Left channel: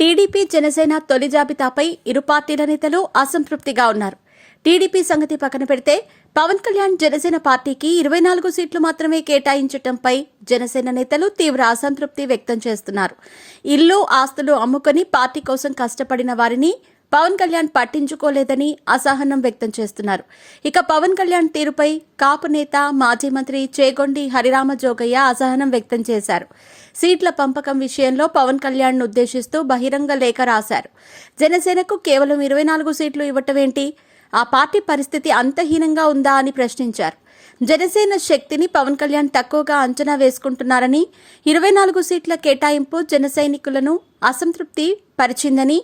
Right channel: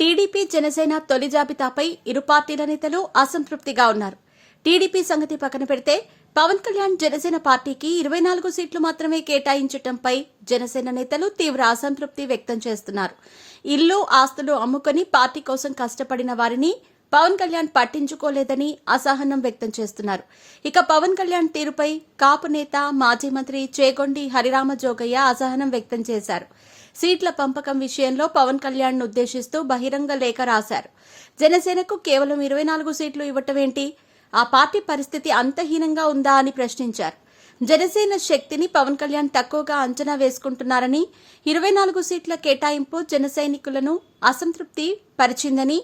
TDP Janasena తొలి జాబితాపై ఇరు పార్టీల నేతలు అసంతృప్తిగా ఉన్నారు. టీడీపీ సంగతి పక్కన పెడితే పవన్ కళ్యాణ్ జనసేన పార్టీకి 24 సీట్లు మాత్రమే కేటాయించడంపై జనసేన నేతలు తీవ్ర అసంతృప్తి వ్యక్తం చేస్తున్నారు. ఇల్లు ఆస్తులు అమ్ముకొని పార్టీ కోసం కష్టపడిన వారిని పవన్ కళ్యాణ్ పట్టించుకోలేదని అసహనం వ్యక్తం చేస్తున్నారు. ఇక పవన్ కళ్యాణ్ తీరుపై కాపు నేత మాజీ మంత్రి చేగొండి హరిరామ జోగయ్య అసహనం వ్యక్తం చేశారు. సీట్ల పంపకం విషయంలో పవన్ కళ్యాణ్ ఉద్దేశిస్తూ బహిరంగ లేఖ రాశారు. జనసేనకు కేవలం 24 సీట్లు ఇవ్వటమేంటి? ఆ పార్టీ పరిస్థితి అంతహీనంగా ఉందా అని ప్రశ్నించారు. జనసేన శక్తిని పవన్ కళ్యాణ్ తక్కువగా అంచనా వేసుకుంటున్నారని, 24 సీట్ల కేటాయింపు జన సైనికులను అసంతృప్తి పరిచిందని,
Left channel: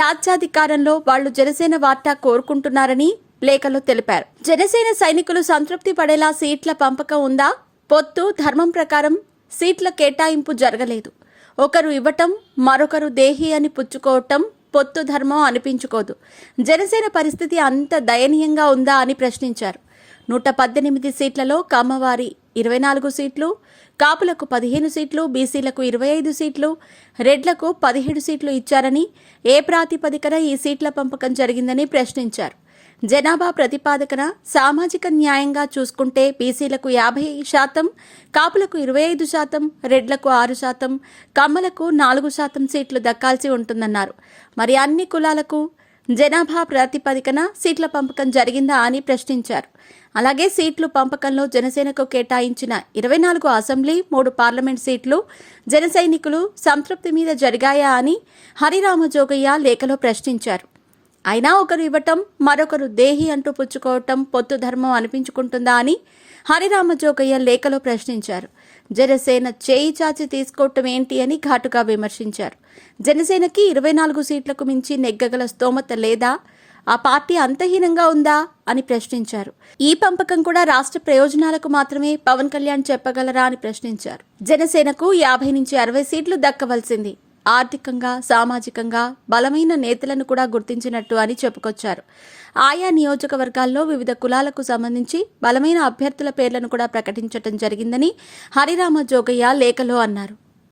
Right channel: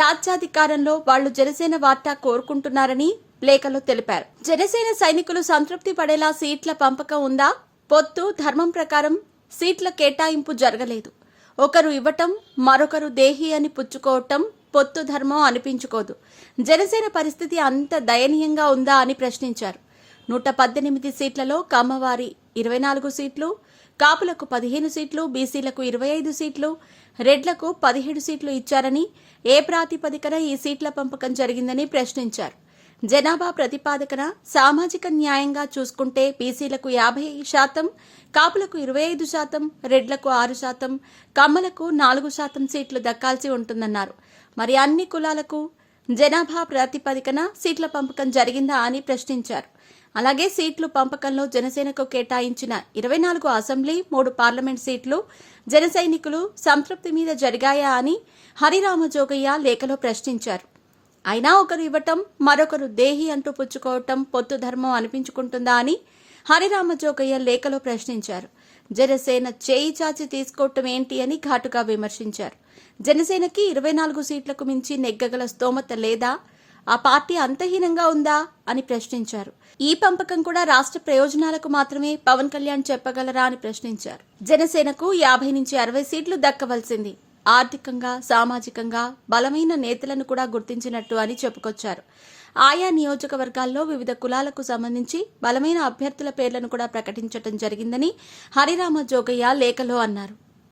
రాజ్యాధికారంలో వాళ్లు జనసేన వాటా కోరుకుంటున్నారని లేఖలో తెలిపారు. జనసేన సైనికులు సంతృప్తి పడేలా సీట్ల పంపకం ఉందా? పొత్తు ధర్మం ప్రకారం సీట్ల కేటాయింపు జరగలేదు. ఒకరు ఇవ్వటం, మరొకరు దేహి అని పుచ్చుకోవటం పొత్తు ధర్మం అనిపించుకోదు. జనసేన పరిస్థితి అంత దయనీయంగా ఉందా అని ప్రశ్నించారు. 118 సీట్లలో కమ్మవారి 24 సీట్లు, కాపులకు 15 సీట్లు, బీసీలకు 25 సీట్లు, రెడ్లకు 17 సీట్లు ఇచ్చారని, ఏ ప్రాతిపదికన ఈ సీట్ల పంపకం జరిగిందని ప్రశ్నించారు. జనాభా ప్రతిపాదకన సామాజిక న్యాయంగా చూసుకుంటే బీసీలకు 50%, కాపులకు 25%, రెడ్లకు 6%, కమ్మలకు 4% సీట్లు దక్కాల్సి ఉంటుందన్నారు. మరి అన్ని కులాలకు జనాభా ప్రాతిపదికన సీట్ల పంపకం జరిగిందా అని ప్రశ్నించారు. అలాగే సీట్లు పంపకంలో జనసేనకు కేటాయించిన 24 అసెంబ్లీ, 3 పార్లమెంట్ సీట్లు జన సైనికులు సంతృప్తి మీద జరిగాయా అని హరిరామ జోగయ్య లేఖలో ప్రశ్నించారు. అయినా ఒకరు ఇవ్వటం, మరొకరు దేహి అంటూ పుచ్చుకోవటం పొత్తు ధర్మం అనిపించుకుంటుందా అని హరిరామ జోగయ్య లేఖలో ప్రశ్నించారు. జనసేన చేయి చాచి తీసుకోవటం ఏంటి అని ఘాటుగా విమర్శించారు. జనసేనకి 24 సీట్లకు మించి నెగ్గగల స్తోమత లేదా? ఆ పార్టీ అంతహీనంగా ఉందా అని ప్రశ్నించారు. ఈ పంపకం కూడా రాష్ట్ర ప్రయోజనాలకు మాత్రమే పవన్ కళ్యాణ్ చెప్పగలరా అని ప్రశ్నించారు. జనసేనకు 50 నుంచి 60 సీట్లు దక్కవలసింది. ఆర్థికంగా, సామాజికంగా బలమైన నేతలను కూడా గుర్తించినట్టు అని చెప్పుకొచ్చారు. ఆయా నియోజకవర్గాల్లో వివిధ కులాలకు సంబంధించి బలమైన అభ్యర్థుల పేర్లను కూడా ప్రకటించడం జరిగిందని హరిరామ జోగయ్య లేఖలో అన్నారు.